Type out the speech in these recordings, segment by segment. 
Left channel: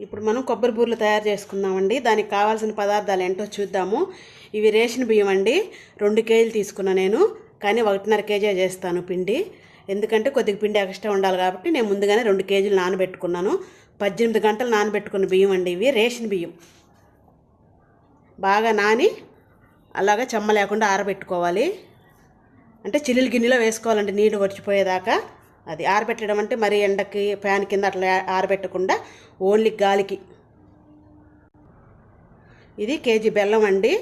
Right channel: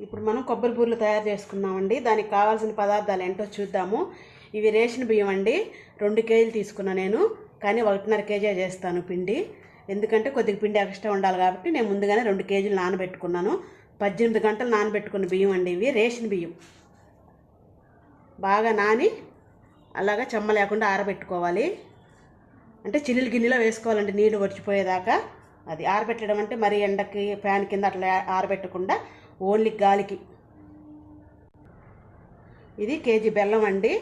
ఇప్పుడు మనం కొబ్బరి బూరెలు తయారు చేసుకుందామండి. దానికి కావాల్సిన పదార్థాలు ఏంటో చూద్దాము. ఇవి రేషన్ బియ్యం అండి. రెండు కేజీలు తీసుకున్నా నేను. కానీ ఒకటిన్నర కేజీ చేస్తాను పిండి. ఎందుకంటే కొద్దిగా పిండి ఎక్స్ట్రా ఉండాలి కాబట్టి నేను ముందుగానే రెండు కేజీలు నానబెట్టుకున్నాను. పద్దెనిమిది గంటలు నానబెట్టుకున్న బియ్యం అండి ఇవి రేషన్ బియ్యం. బాగా నాని అలాగా చెమ్మ లేకుండా ఆరబెట్టుకోవాలి. అంటే చిల్లులు గిన్నెలో వేసుకోవాలండి. నీళ్ళు వచ్చిపోయేదాకా అది ఆరబెట్టడం అంటే మరి ఎండకి ఫ్యాన్ కింద అట్లా ఆరబెట్టకుండా ఓన్లీ గాలికి. ఇది కేజీ బెల్లం అండి.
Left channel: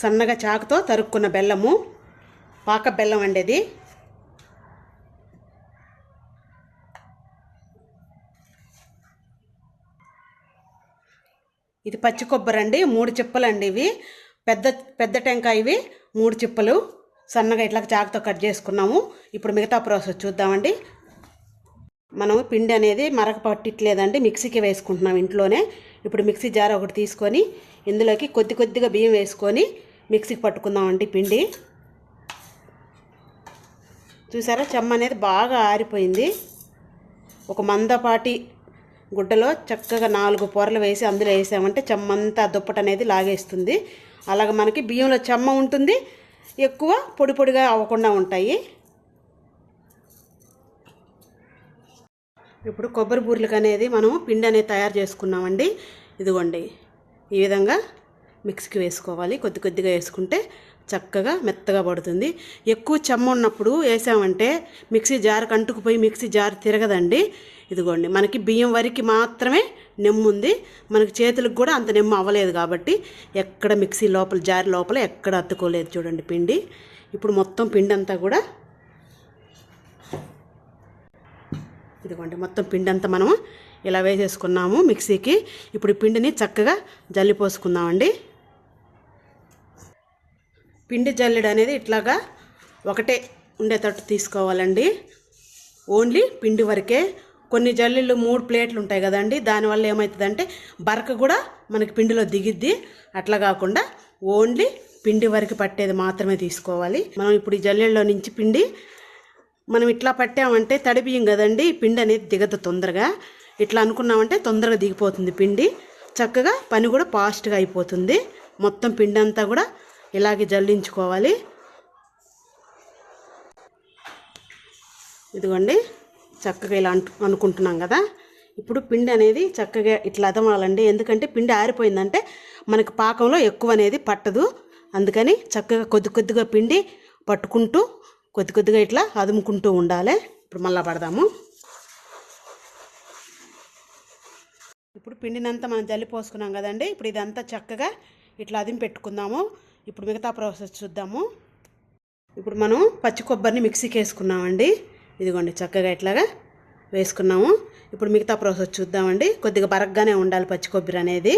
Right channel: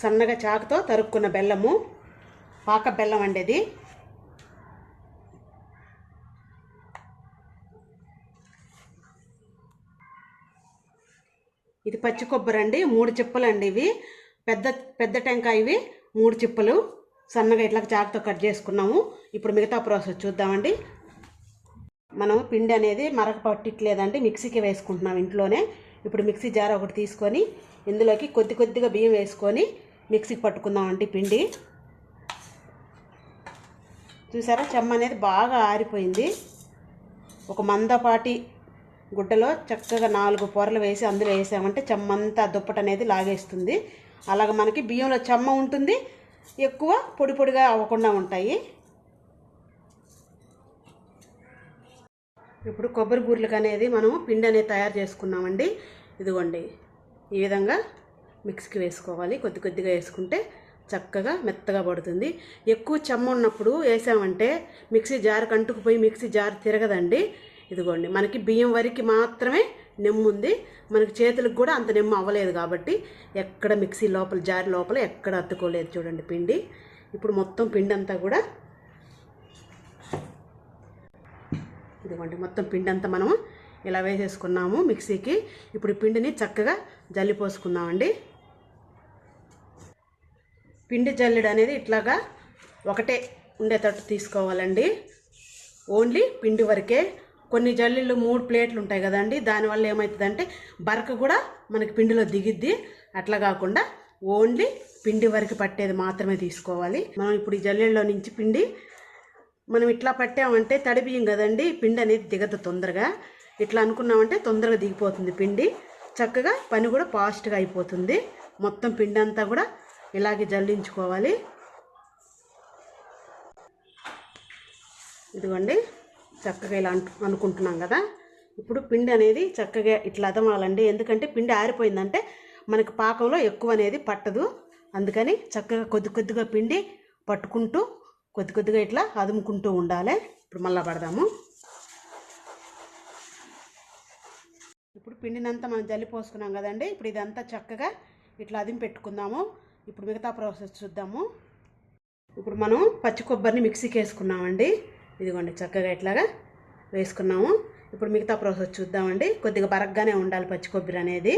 సన్నగా చాకుతో తరుక్కున్న బెల్లము. పాక బెల్లం అండి ఇది. ఇది పచ్చి కొబ్బరి అండి మూడు చిప్పలండి ఇవి. పెద్ద పెద్ద టెంకాయ ఇవి మూడు చిప్పలు. సన్నగా ఇట్లా చాకుతో కట్ చేసుకున్నాము. ఇప్పుడు మిగతా ప్రాసెస్ చూద్దామండి. మనం పిండి అనేది మరక పట్టట్లేదండి మిక్సీకి వేసుకుంటున్నాం ఇంట్లోనే. ఇప్పుడు మిక్సీ జార్ ఒకటి తీసుకొని ఇందులోకి కొద్ది కొద్దిగా బియ్యం వేసుకొని మిక్సీకి పట్టుకుందామండి పిండి. చూసారా? చెమ్మ అనేది బాగా ఆరిపోయింది. ఒక మందపాటి గుడ్డలో చక్కగా నాలుగు పొరలు వేసి అందులో వేసామంటే చెమ్మంతా దుప్పట అనేది లాగేస్తుంది. అలాగ మనకి బియ్యంలో చెమ్మ ఉంటుంది ఎక్కువ పొడి పొడిగా అవ్వకుండా ఉంటాయి. ఇప్పుడు కొబ్బరి బూరెలకు అనేది మనం పిండి అనేది తయారు చేసుకున్నామండి. ఇదిగోండి. ఈ విధంగా మిక్సీకి వేసుకోవాలి. కొద్ది కొద్దిగా వేసుకుంటే చక్కగా మెత్తగా పడుతుంది. ఎక్కువ చెమ్మ ఉన్నప్పుడు వేసామంటే మిక్సీ జారు కంటుకుపోయి మిక్సీ జార్ తిరగదండి. ఇదిగోండి. మనకి బియ్యం వరకు మాత్రమే నెమ్ము ఉంది. మనకి చేతులకు కూడా అంత నెమ్ము అవ్వలేదు కాబట్టి ఎక్కడ మిక్సీ లోపల జారి లోపల ఎక్కడ అత్తుకోలేదు చూడండి పిండి. ఇప్పుడు మొత్తం పిండి అంతా కూడా ఇదిగోండి మొత్తం పిండి అంతా మనం ఇలా వేసేసుకున్నాము మిక్సీకి. ఇప్పుడు పిండిని చక్కగా జల్లిపోసుకుందామండి పిండి జల్లెడ అనేది ఇట్లాగా ఒకటే ఉండేటట్టు తీసుకోవాలండి. ఓన్లీ పిండి వరకే. కొన్ని జల్లీలు మూడు ప్లేట్లు ఉంటాయి కదండి దానివల్ల ఏమవుతుందంటే బరక కూడా మనకి పిండిలో దిగిద్ది. అట్లా కాకుండా ఓన్లీ పిండి వరకు పట్టేది మాత్రమే తీసుకోవాలి. మనం ఇప్పుడు ఈ జల్లెల్లో నుంచి పిండి మనం ఇట్లా పట్టామంటే తడి బియ్యం కదండి పిండి అనేది దిగదు తొందరగా. ఇట్లా అనుకున్నామంటే తొందరగా దిగిపోతుంది పిండి. చక్కగా పని కూడా ఫాస్ట్గా అయిపోతుంది. మొత్తం పిండి అంతా కూడా ఇలాగే జల్లించుకోవాలి. ఇదిగోండి చక్కగా ఇలా అనుకుంటున్నాం కదా. ఇప్పుడు పిండి అనేది చక్కగా ఇట్లా అదమాలండి. ఎందుకంటే పిండి ఆరిపోయిందంటే మనకు పాకంలో ఎక్కువ అనేది పట్టదు. అందుకని చక్కగా కొద్ది కొద్దిగా పిండి పట్టుకుంటూ కొద్ది కొద్దిగా ఇట్లా అదుముకుంటూ ఉండాలి. ఇప్పుడు మళ్ళీ పడదాము. ఇప్పుడు పిండినంతా మనం జల్లి పోసుకున్నాం కదండి. ఇప్పుడు ఇదంతా చక్కగా ఇట్లా అదిమి పెట్టుకుందాము. ఇప్పుడు మిగతా ప్రాసెస్ చూద్దాము. ఇప్పుడు మనం పచ్చి కొబ్బరిని మిక్సీకి వేసుకున్నామండి. ఇదిగోండి చక్కగా ఇట్లాగా వేసుకున్నాము. ఇప్పుడు మిగతా ప్రాసెస్ చూద్దామండి. కొద్దిగా బరగ్గానే ఉండాలి పచ్చి కొబ్బరి అనేది.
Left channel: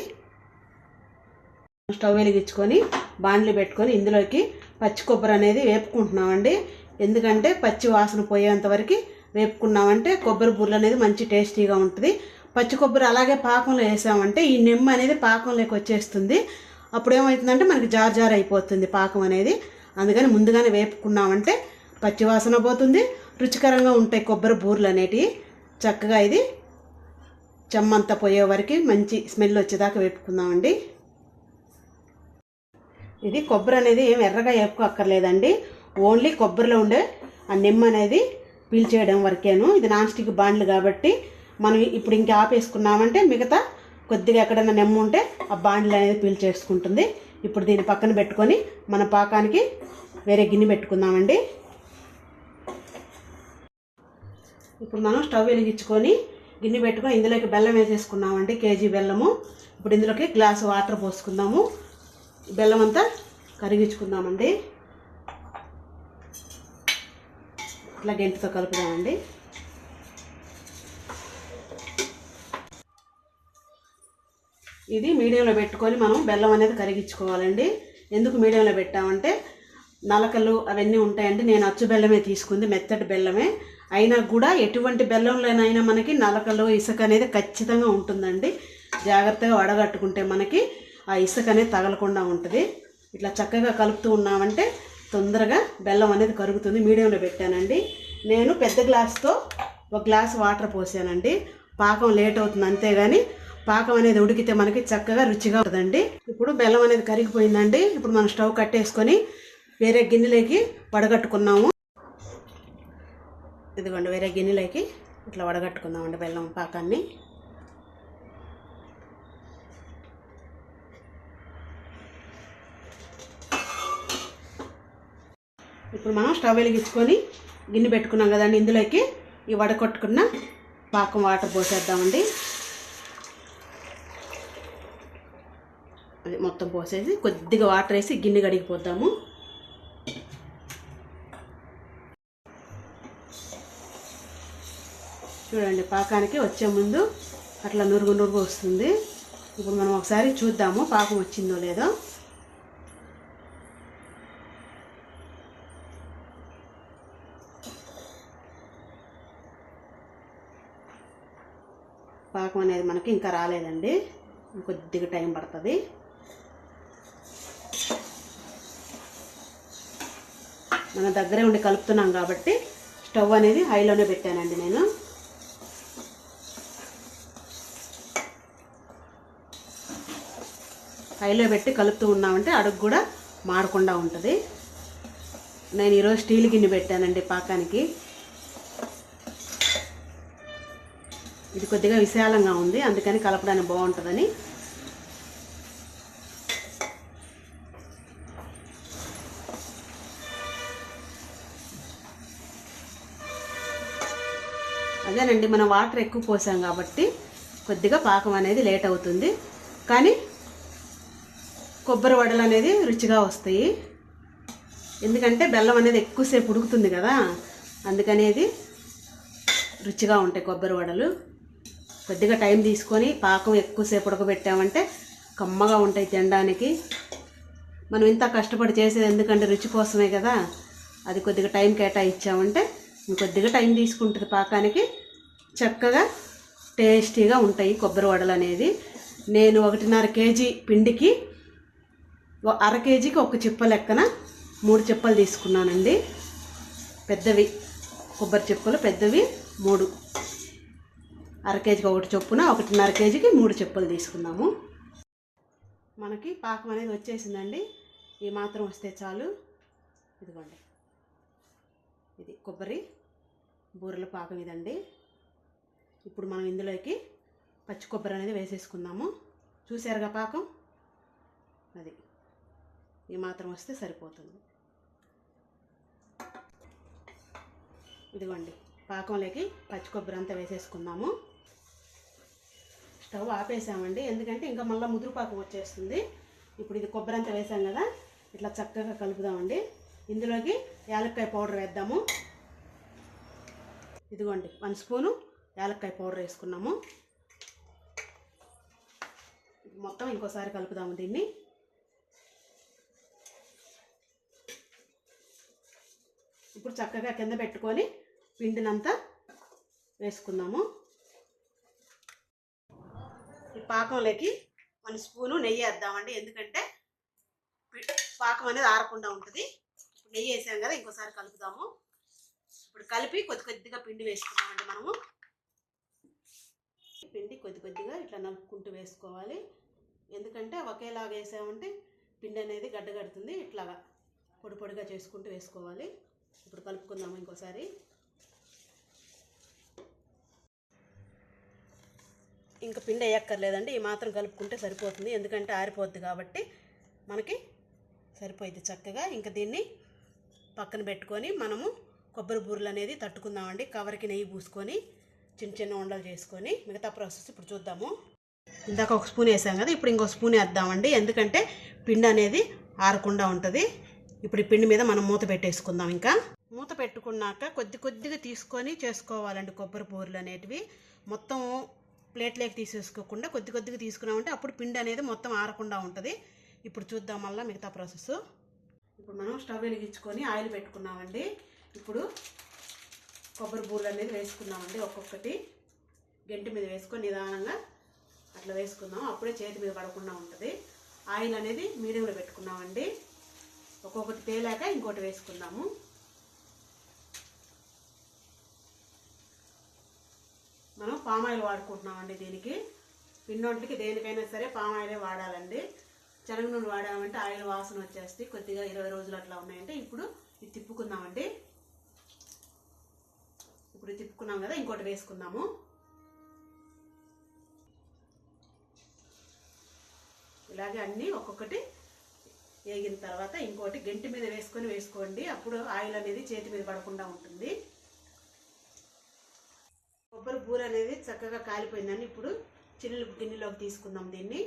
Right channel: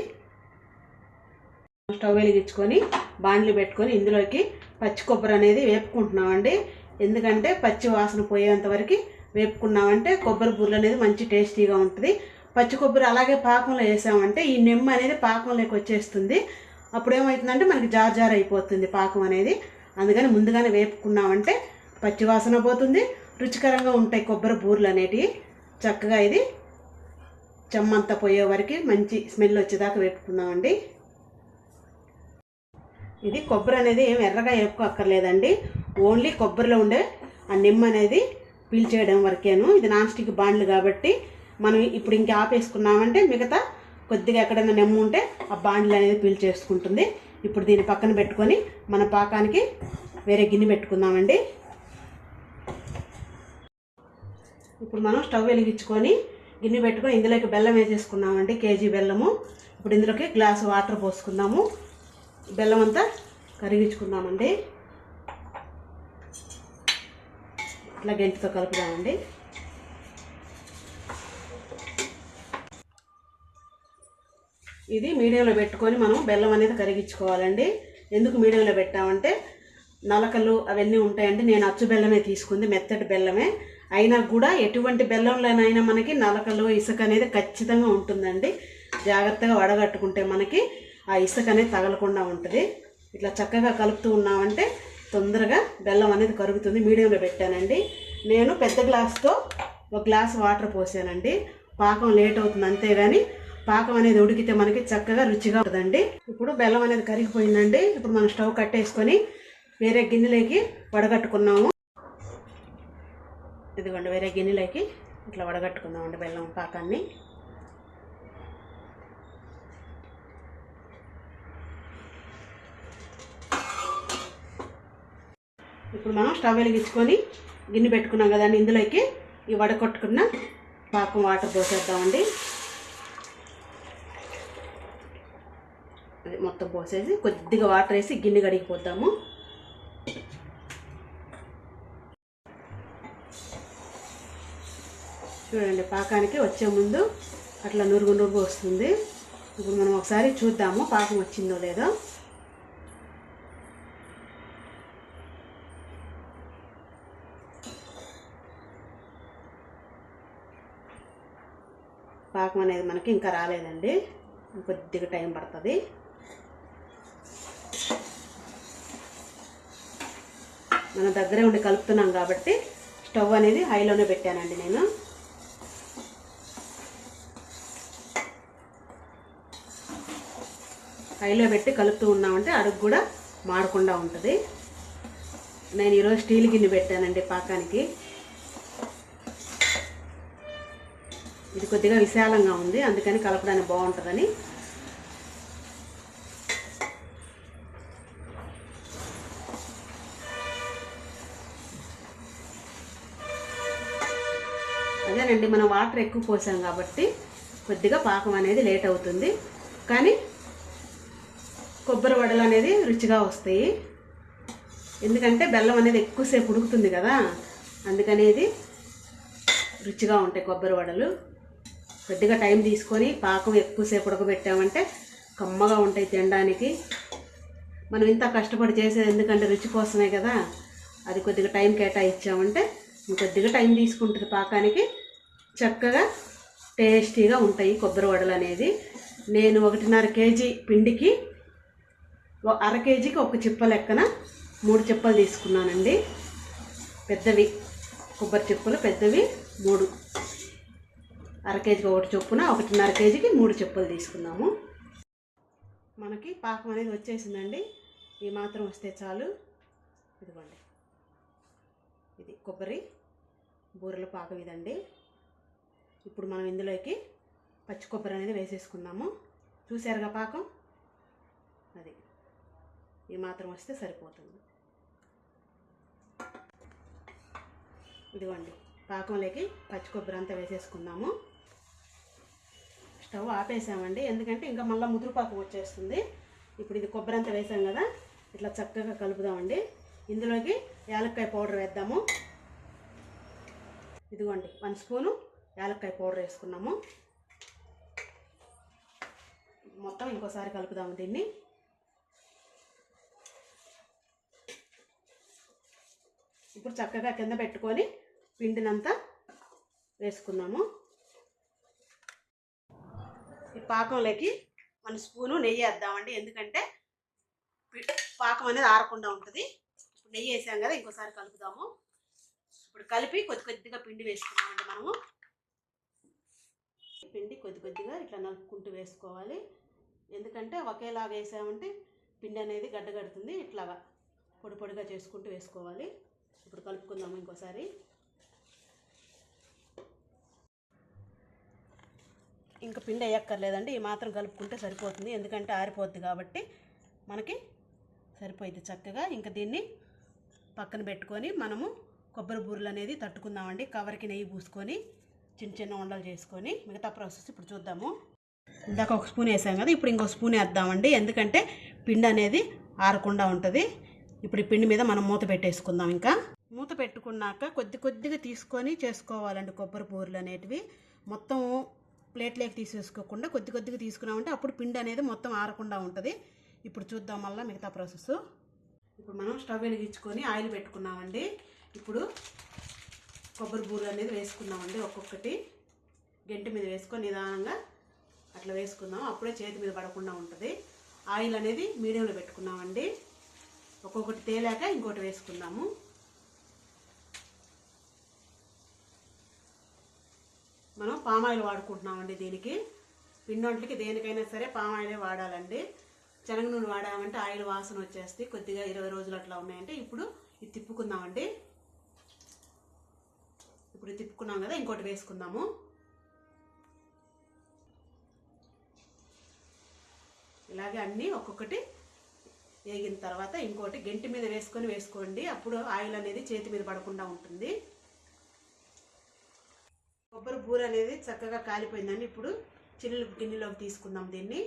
స్టవ్ వెలిగించుకొని బాండ్లు పెట్టుకొని ఇందులోకి పచ్చి కొబ్బరి అనేది వేపుకుంటున్నామండి. ఎందుకంటే పచ్చి వాసన పోయేంత వరకు వేపుకున్నామంటే కొబ్బరి బుర్ర అనేది మంచి టేస్టీగా ఉంటుంది. పచ్చి కొబ్బరి అలాగే పాకంలో వేసామంటే ఈ నిమ్మ అనేది పాకంలోకి వచ్చేస్తుంది. అప్పుడు ఏమవుతుందంటే మనకి జార్ జార్ అయిపోతుంది పాకం అనేది. అందుకని ముందుగానే వేపుకున్నామంటే పచ్చి వాసన పోతుంది. రుచికరంగా ఉంటాయి కొబ్బరి బూరలు అనేటివి చక్కగా ఇది చెమ్మంతా పోయే వరకు మంచి స్మెల్ వచ్చేదాకా వేపుకుందామండి. ఇది కొబ్బరి అనేది ఏం ఎర్రగా వేపుకోక్కర్లేదండి. ఓన్లీ కొబ్బరిలో ఉండే ఆ నిమ్మ అనేది పీల్చేయడం వరకేను. ఇది నాన్ స్టిక్ బాండ్లు కాబట్టి మనం ఇప్పుడు ఇంకా ఆపేసుకున్నామంటే మిగతా కొద్దిగా ఎక్కడైనా నిమ్మ ఉంటే ఆ బాండ్లు అనేది పీల్చేసుకుంటుంది ఇప్పుడు దీన్ని పక్కన పెట్టుకొని మన పాకానికి వేరే గిన్నె పెట్టుకుందామండి. ఇప్పుడు మనం స్టవ్ వెలిగించుకొని గిన్నె పెట్టుకొని ఇందులోకి బెల్లం వేసేసుకున్నామండి కేజీ బెల్లము. ఇప్పుడు ఇందులోకి గ్లాసు వాటర్ పోసుకుందాము. బెల్లం అంతా కరిగించుకుందామండి. అట్లా గెంటితో కలుపుదామండి. ఇది మీడియంలో పెట్టుకొని మనం బెల్లం అనేది కరిగించుకోవాలండి. ఎందుకు మీడియంలో పెట్టామంటే నలకలు అవన్నీ ఉంటాయండి. నేను అచ్చు బెల్లమే తీసుకుంది మెత్తటి బెల్లమే. అయినా కూడా ఎటువంటి బెల్లంలోనైనా మనకి నలకలు ఇసుక అనేది ఖచ్చితంగా ఉంటుందండి. జాగ్రత్తగా వడగట్టుకుంటే మనకి ఆ ఇసుక అనేది తగలకుండా ఉంటుంది. ఇట్లా చక్కగా కలుపుతూ ఉన్నామంటే తొందరగా బెల్లం అనేది కరుగుతుంది. మీడియంలో పెట్టానండి. నేను పెద్ద గ్లాస్తో ఒక గ్లాస్ వాటర్ పోసానండి. పాకం లేట్ అవుతుంది అంతేగాని పాకం అనేది ఉడికితే మనకి చక్కగా రుచిగా ఉంటుందండి. ఇప్పుడు బెల్లం అనేది కరిగిపోయిందండి. ఇప్పుడు మనం స్టవ్ కట్టేసుకొని వేరే గిన్నెలోకి వడగట్టుకున్నాము. ఇదిగోండి వేరే గిన్నెలోకి ఇట్లా వడగట్టుకుందామండి బెల్లం పాకాన్ని. ఇప్పుడు మనం స్టవ్ వెలిగించుకొని గిన్నె పెట్టుకున్నాం కదండి. ఇందులోకి ఈ వడకొట్టుకున్న పాకం వాటర్ పోసేద్దామండి. అది మొత్తం పోసేసి కొద్దిగా వాటర్ వేసి గిన్నె కడిగిపోద్దాము చూడండి పాకానికి వచ్చే ముందు అట్లా నురుగు నురుగు వస్తుంది. ఇప్పుడు మనం ఒకసారి చూద్దాము పాకం వచ్చిందో లేదో. పాకం అనేది మనకి ఇంకా రాలేదండి. కొద్దిగా టైం పడుతుంది. మన దగ్గరే ఉండి కలుపుతున్నాం కాబట్టి స్టవ్ అనేది హైలోనే పెట్టానండి నేను. హైలో పెట్టి కలుపుతూ ఉన్నామంటే అడుగు కూడా మాడకుండా ఉంటుంది. నేను ఈరోజు స్టీల్ గిన్నె పెట్టానండి పాకానికి. ఇది కొద్దిగా విశాలంగా ఉంది అందుకని కలపడానికి బాగుంటుందని. అదేనండి మనం వాటర్ ఎక్కువ పోసాం కాబట్టి కొద్దిగా పాకం అనేది లేట్ అవుతుంది. కానీ కొబ్బరి వడలు అనేది రుచిగా వస్తాయి. ఎందుకంటే బెల్లం అనేది ఎక్కువసేపు ఉడుకుతుంది కదా అందుకనేది రుచిగా ఉంటాయి కొబ్బరి వడలు. కొద్దిగా టైం తీసుకొని పాకం ఎక్కువసేపు ఉడకబెట్టామంటే కమ్మగా ఉంటాయి తినడానికి. మనం ఇంత కష్టపడి చేసేది ఎందుకంటే రుచి కోసమే కదా. అది కొద్దిగా టైం కేటాయించామంటే ఇంకొద్దిగా టైం తీసుకుంటుంది పాకానికి. చక్కగా టేస్టీగా ఉంటాయి కొబ్బరి వడలు అనేది. నేను ఒకటిన్నర కేజీ పిండికి అర కేజీకి ఒక చిప్ప లెక్కన మూడు చిప్పలు తీసుకున్నానండి. పెద్దవి కొబ్బరి చిప్పలు పెద్దవి మూడు. అర కేజీకి ఒకటి చొప్పున ఒకటిన్నర కేజీకి మూడు చెప్పులు తీసుకున్నాము. మనకి పాకం అనేది వచ్చేసిందండి. ఈ మాత్రం వస్తే చాలు. ఇదిగోండి. ఇది కొబ్బరి బూరెల పాకం ఇదండి. ఇప్పుడు మనం ఇందులోకి పచ్చి కొబ్బరి అనేది వేసేసుకున్నాము చూసారుగా పాకం? అది. ఈ మాత్రం వస్తే సరిపోతుంది. ఇదిగోండి. పాకంలోకి పచ్చి కొబ్బరి అంతా వేసేసుకున్నాము స్టవ్ ఆపేసామండి. ఎందుకంటే ఇంకా మళ్ళీ ముదురుపాకం వచ్చేస్తుంది. ఇప్పుడు ఇది కొబ్బరి అంతా వేసాం కదా ఇట్లా చక్కగా కలుపుదామండి. ఇందులోకి యాలక్కాయ పౌడర్ వేద్దాము. ఇదిగోండి వన్ స్పూను యాలక్కాయ పౌడర్ వేసుకున్నాము. మొత్తం ఇంకోసారి కలుపుదాము దీన్ని. ఇప్పుడు చక్కగా కింద పెట్టుకొని పిండినంతా వేసుకున్నాము. పాకంలోకి మన స్పూను నెయ్యి వేద్దామండి. ఎందుకంటే పాకం అనేది ఆరకుండా ఉంటుంది. ఇప్పుడు నెయ్యి వేసాం కదా ఇంకోసారి కలుపుదాము. ఇప్పుడు కలిపి కొద్ది కొద్దిగా పిండి వేసుకున్నామండి మనము. పిండి కొద్ది కొద్దిగా ఇట్లా నలుపుకుంటూ వేసుకోవాలి. ఎందుకంటే ఒకేలాగా వేసామంటే పిండి అనేది గడ్డగడుతుంది. ఇట్లాగా పొడి పొడిగా చేసుకుంటూ వేసుకోవాలి. ఇప్పుడు కలుపుకుందాము ఇంకోసారి. ఇంకా పిండి వేయక్కర్లేదండి ఈ మాత్రం కలుపుకుంటే సరిపోతుంది. ఎందుకంటే ఆరిపోద్ది కాబట్టి మనకి సరిపోయింది చక్కగా. ఇంకా దీన్ని పక్కన పెట్టుకొని మనము కొబ్బరి బూరలు అనేది తట్టుకుందామండి. కవర్కి నెయ్యి పూసుకొని చిన్న చిన్న ఉండలు చేసుకొని మిగతా ప్రాసెస్ ఇప్పుడు చూద్దాము. ఇందాక ఒక స్పూన్ వేసాం కదా ఇప్పుడు ఇంకో స్పూన్ వేద్దామండి. ఎందుకంటే పిండి అనేది ఆరకుండా ఉంటుంది. ఇప్పుడు ఈ పిండి మీద మనం మూత పెట్టేసుకుందాం ఇంకా. మూత పెట్టుకున్నాక కొద్ది కొద్దిగా తీసుకొని చేసుకోవాలండి కొబ్బరి బూరెలు అనేటివి. మొత్తం ప్లేట్లోకి తీసేసుకోకుండా కొద్ది కొద్దిగా తీసుకున్నామంటే అప్పుడు పిండి అనేది మొత్తం ఆరకుండా ఉంటుంది. ఇప్పుడు చూద్దాం మళ్ళీ మిగతా ప్రాసెస్. ఇప్పుడు మనం స్టవ్ వెలిగించుకొని ఆయిల్ పెట్టుకున్నామండి. ఇప్పుడు కొబ్బరి బూరెలు అనేది వేసుకున్నామండి ఒక్కొక్కటి. గెంటి మీద వేసుకొని నిదానంగా అట్లా వేసుకుందాం. అప్పుడే చేతి మీద పడకుండా ఉంటుంది. ఆయిల్ అనేది మీడియంలో పెట్టుకున్నామండి. ఒక్కొక్కటి తేలాక ఇంకోటి వేసుకుందాము. మనం పామాయిల్ వాడుకుంటున్నామండి దీనికి. పిండి దేనికైనా సరే పామ్ ఆయిలే వాడాలండి. శనగ నూనె వాడామంటే ఆయిల్ వాసన వచ్చేస్తే కొద్దిగా ఇరవై రోజులు అట్లా ఉన్నాయంటే ఇప్పుడు ఇది తిప్పుకుందామండి. ఇప్పుడు తిప్పుకున్నాం కదా ఇంకోటి వేసుకుందాము. ఇలాగే అన్నీ ఒక్కొక్కటి వేగిన తర్వాత ఇంకోటి గంటి మీద వేసుకొని వేసుకోండి. అప్పుడు ఆయిల్ అనేది చేతి మీద పడకుండా ఉంటుంది. కొబ్బరి బూర అనేది చక్కగా కాలిపోయిందని ఇప్పుడు చిల్లు గిన్నెలోకి తీసుకుందాం దీన్ని.